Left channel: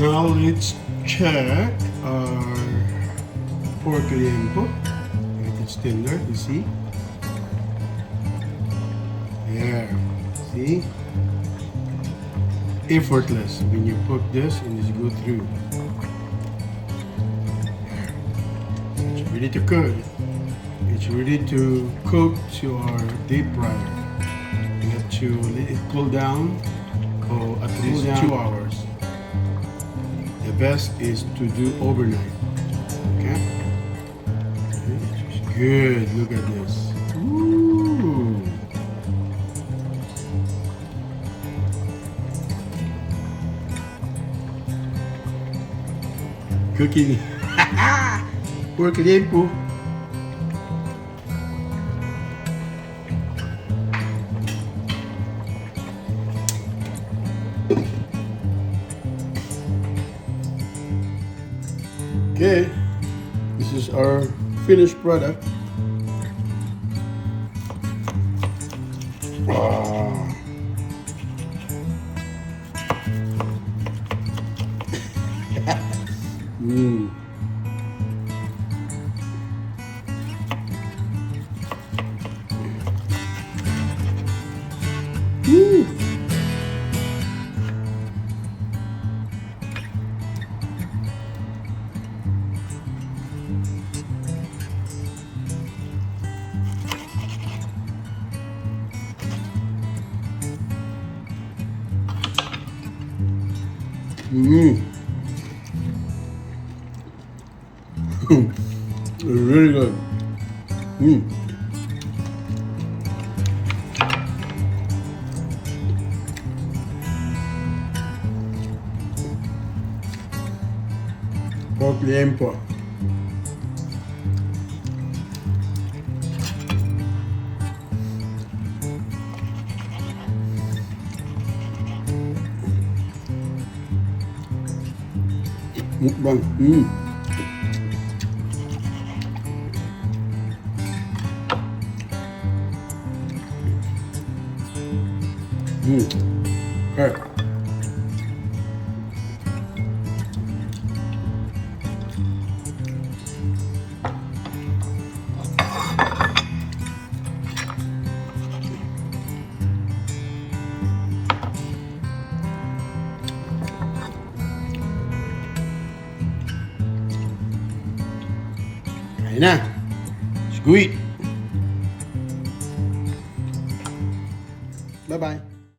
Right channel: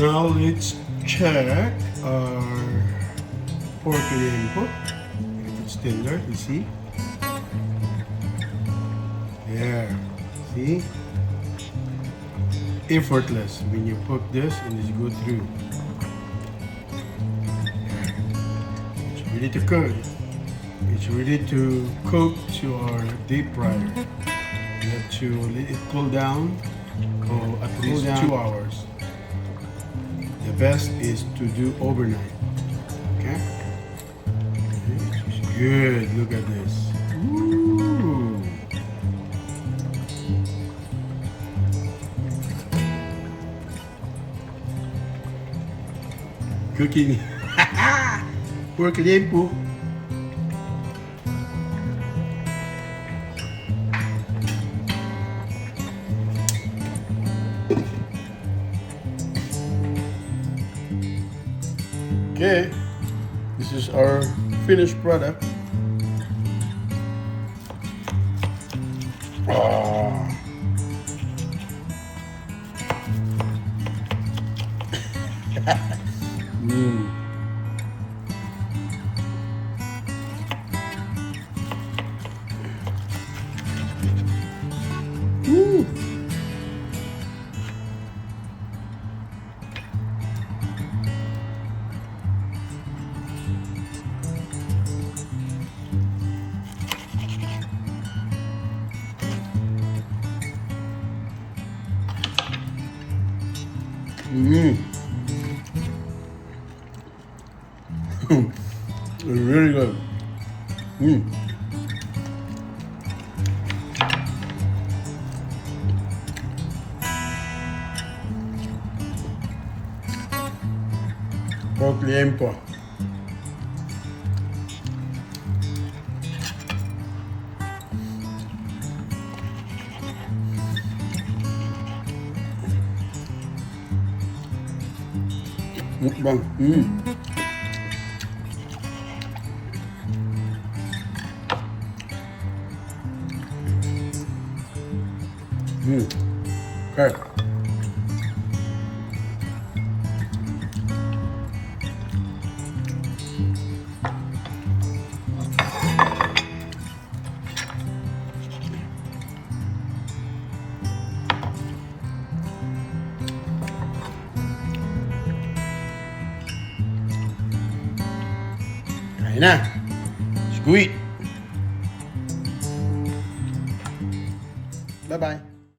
Now let's check our pork liempo. It's tender, you see? There, see? Effortless when you put this and just go through. There. It's ready to cook. It's ready to cook to our deep fryer. You have to let it cool down for at least 2 hours. The best is to do overnight. Okay? It's good. Look at this. Ooh. Cooking. Pork liempo. Okay, this is our finished product. Wow. Mm. Mm. Mm. It's really good. Mm. Pork liempo. Mukbang. Mm. Mm. Okay. Kain na. Let's go eat. Bye-bye.